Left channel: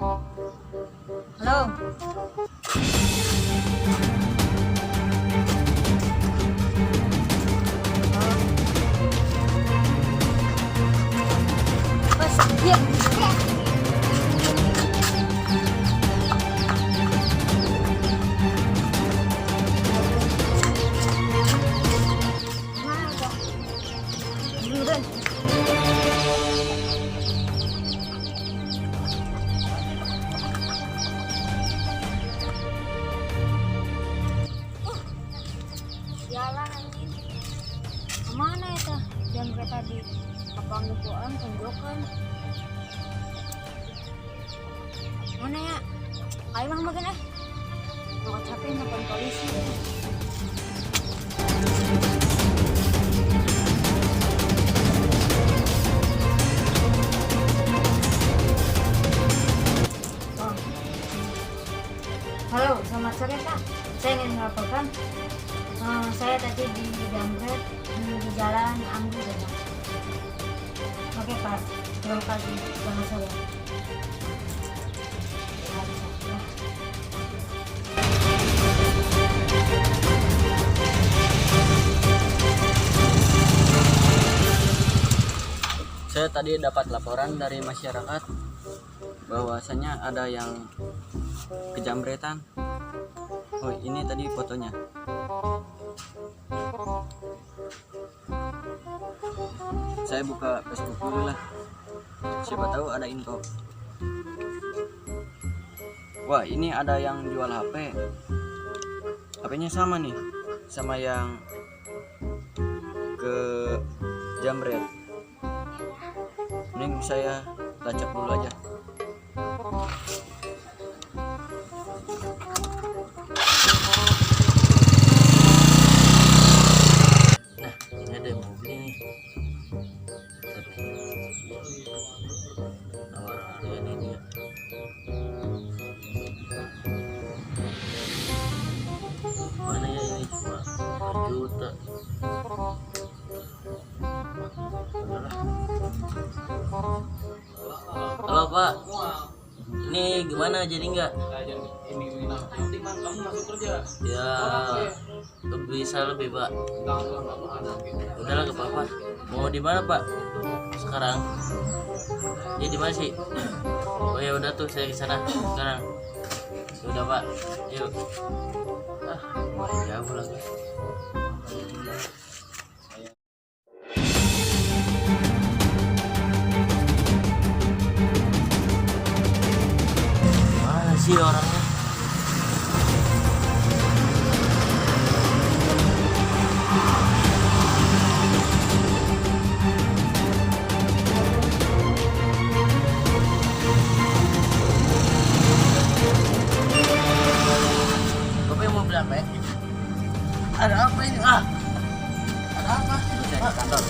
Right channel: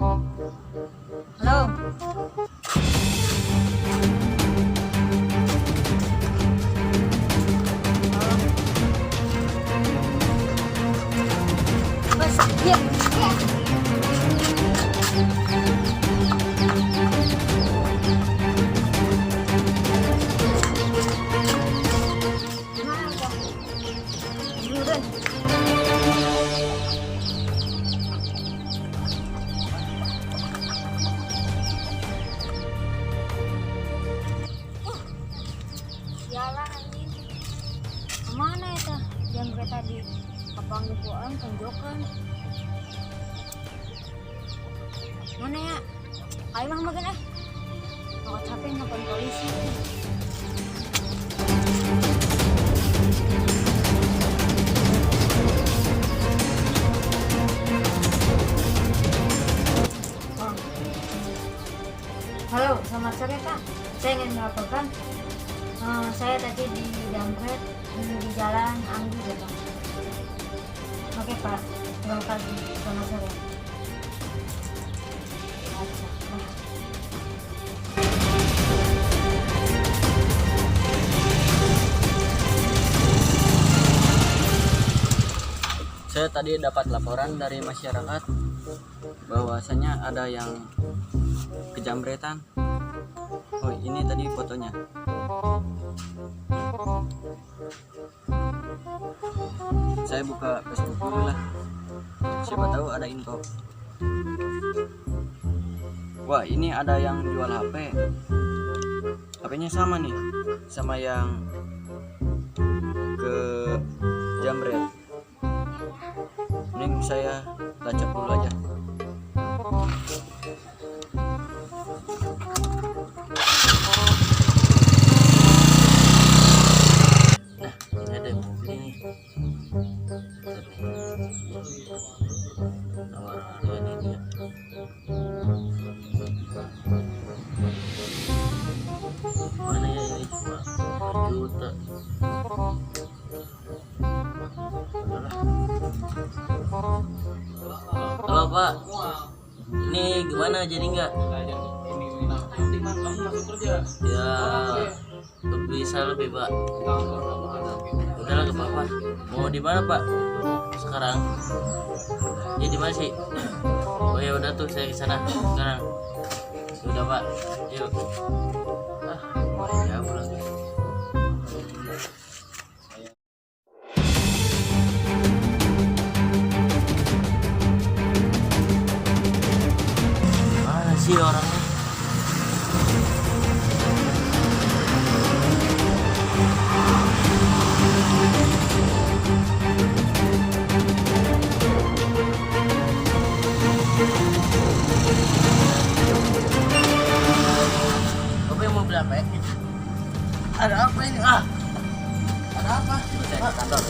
Halo. Bos, dia. Gimana kok? Buruan. Sialan anjing. Kemana itu? Jamret tadi kapangguan tunjukkan. Mana ya? Ayo mah makan mau capek nelfon polisi. Oh. Halo, selamat sore Pak. Saya ingin melaporkan. Saya tadi di Jamret di Jalan Anggur ya Pak. Oke Pak, terima kasih. Selamat sore. Baca, nah. Saya tadi dapat laporan dari masyarakat bahwasanya ada yang kejamretan. Oh, ini tadi fotonya. Saya buka Facebook dulu lah. Siapa tahu ada info. Wah, ini ada yang jual HP. HP-nya sama nih, sama yang ke Jamret. Mending saya lacak dulu aja. Nah, ini ada mobil nih. Nomor harganya ini ya. Mana ya ini, cuma 1 juta. Halo Pak, ini gimana, jadi nggak? Kamu masuk kerja Ya bisa lebih Pak. Udahlah ke Papa. Mau di mana Pak? Sekarang? Ya di mana sih? Oh ya udah tuh, saya ke sana sekarang. Udah Pak, yuk. Jauh lagi. Mana sih orangnya? Bapak yang mau beli apa ya? Ada apa ini? Ada apa? Saya ke kantor.